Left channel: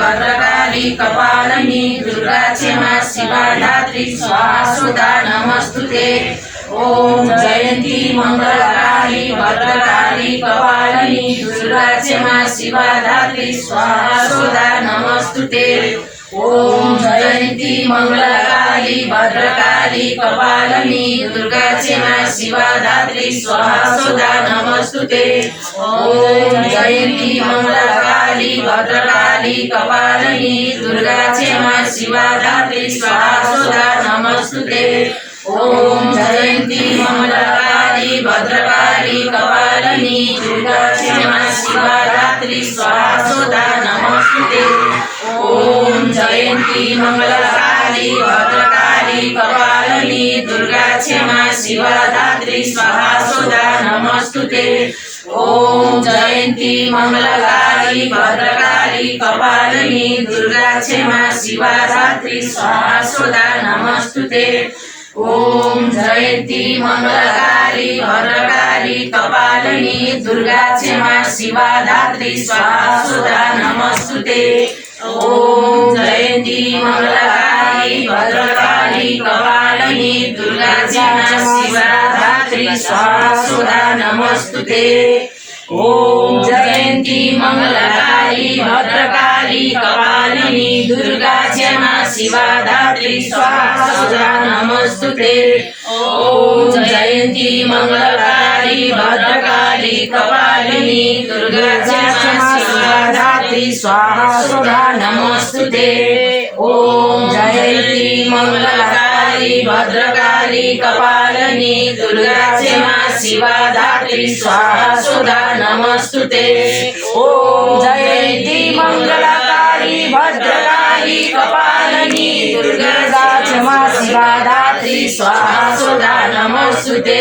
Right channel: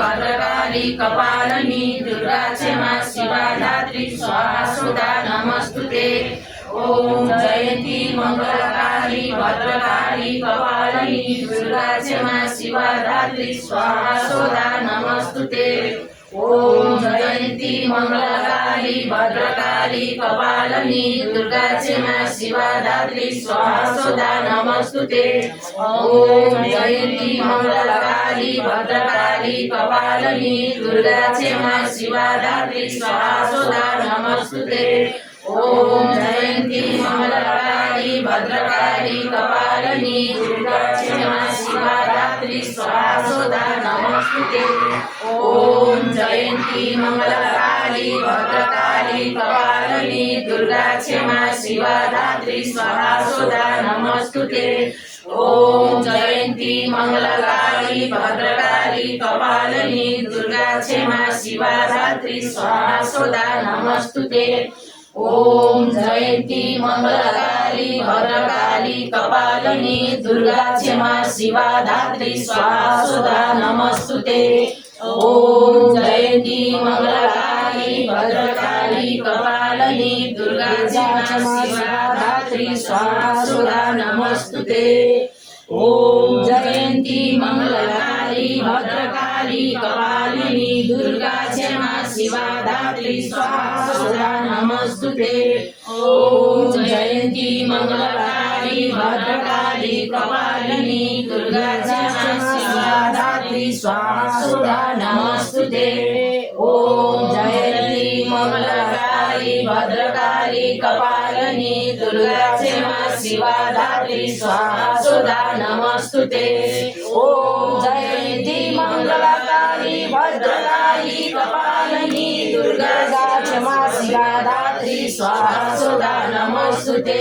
भद्रकाली कपालिनी दुर्गा क्षमा शिवा धात्री स्वाहा स्वधा नमस्तुते। ओम जयंती मंगलकाली भद्रकाली कपालिनी दुर्गा क्षमा शिवा धात्री स्वाहा स्वधा नमस्तुते। ओम जयंती मंगलकाली भद्रकाली कपालिनी दुर्गा क्षमा शिवा धात्री स्वाहा स्वधा नमस्तुते। ओम जयंती मंगलकाली भद्रकाली कपालिनी दुर्गा क्षमा शिवा धात्री स्वाहा स्वधा नमस्तुते। ओम जयंती मंगलकाली भद्रकाली कपालिनी दुर्गा क्षमा शिवा धात्री स्वाहा स्वधा नमस्तुते। ओम जयंती मंगलकाली भद्रकाली कपालिनी दुर्गा क्षमा शिवा धात्री स्वाहा स्वधा नमस्तुते। ओम जयंती मंगलकाली भद्रकाली कपालिनी दुर्गा क्षमा शिवा धात्री स्वाहा स्वधा नमस्तुते। ओम जयंती मंगलकाली भद्रकाली कपालिनी दुर्गा क्षमा शिवा धात्री स्वाहा स्वधा नमस्तुते। ओम जयंती मंगलकाली भद्रकाली कपालिनी दुर्गा क्षमा शिवा धात्री स्वाहा स्वधा नमस्तुते। ओम जयंती मंगलकाली भद्रकाली कपालिनी दुर्गा क्षमा शिवा धात्री स्वाहा स्वधा नमस्तुते। ओम जयंती मंगलकाली भद्रकाली कपालिनी दुर्गा क्षमा शिवा धात्री स्वाहा स्वधा नमस्तुते। ओम जयंती मंगलकाली भद्रकाली कपालिनी दुर्गा क्षमा शिवा धात्री स्वाहा स्वधा नमस्तुते। ओम जयंती मंगलकाली भद्रकाली कपालिनी दुर्गा क्षमा शिवा धात्री स्वाहा स्वधा नमस्तुते।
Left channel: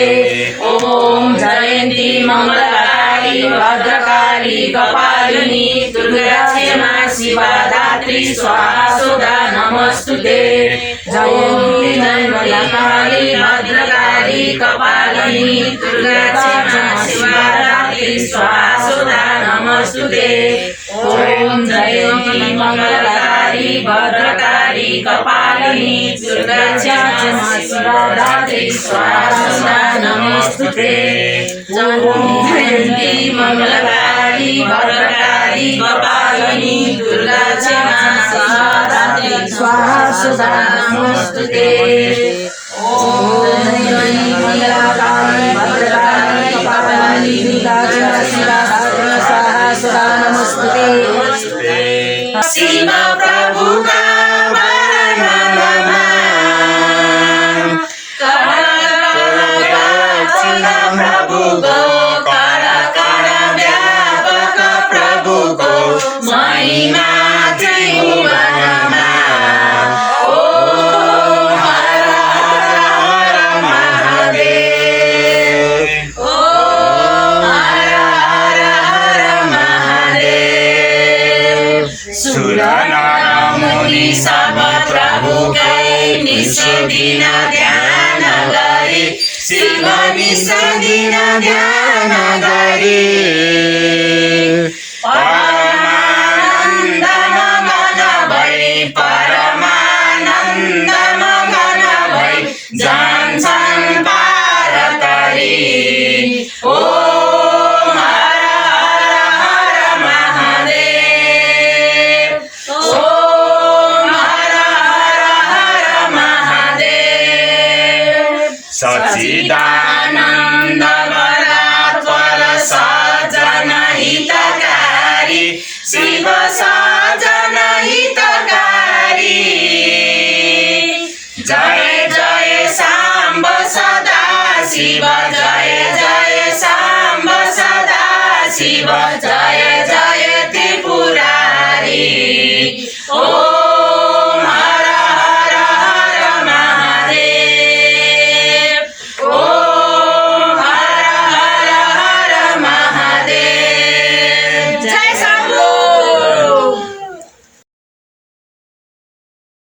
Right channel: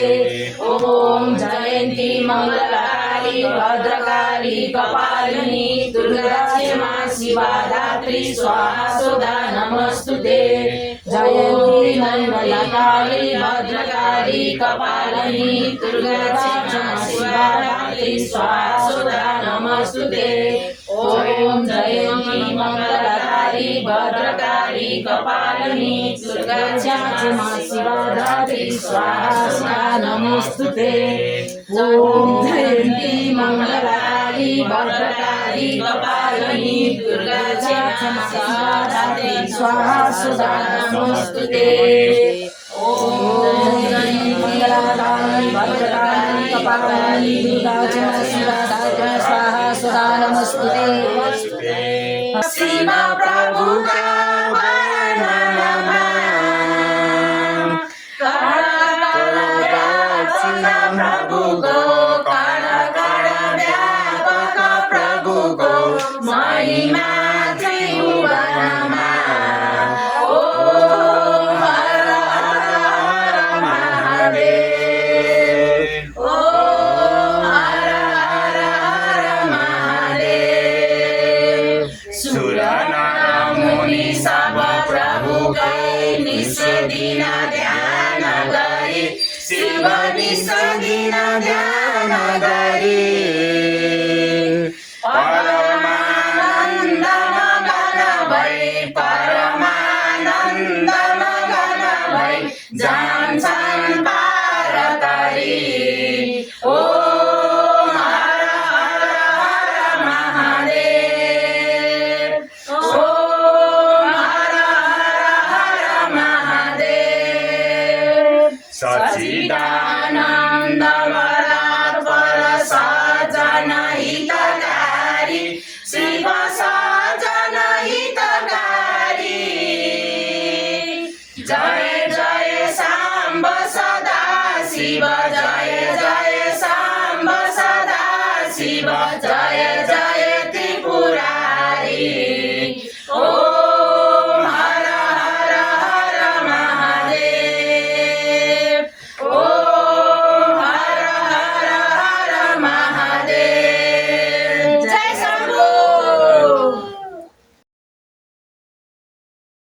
ओम जयंती मंगलकाली भद्रकाली कपालिनी दुर्गा क्षमा शिवा धात्री स्वाहा स्वधा नमस्तुते। जयंती मंगलकाली भद्रकाली कपालिनी दुर्गा क्षमा शिवा धात्री स्वाहा स्वधा नमस्तुते। ओम जयंती मंगलकाली भद्रकाली कपालिनी दुर्गा क्षमा शिवा धात्री स्वाहा स्वधा नमस्तुते। ओम जयंती मंगलकाली भद्रकाली कपालिनी दुर्गा क्षमा शिवा धात्री स्वाहा स्वधा नमस्तुते। ओम जयंती मंगलकाली भद्रकाली कपालिनी दुर्गा क्षमा शिवा धात्री स्वाहा स्वधा नमस्तुते। शिव प्रभु का प्रभु को कर कर व्यापक प्रभु को महिमा त्रिभुवनमा। ओ हर हर महादेव। ओ हर हर महादेव। सुर नर मुनि सब प्रभु कै निस दिन ध्यान गरी शिव निस दिन ध्यान गरी परमानन्द मगन भई परमानन्द मगन भई जान्छन् पार तरी। ओम हर हर महादेव। ओम हर हर महादेव। सच्चिदानन्द परात्पर सज्जन हितकारी शिव सज्जन हितकारी। जय जय साम्ब सदा शिव जय जय साम्ब सदा शिव।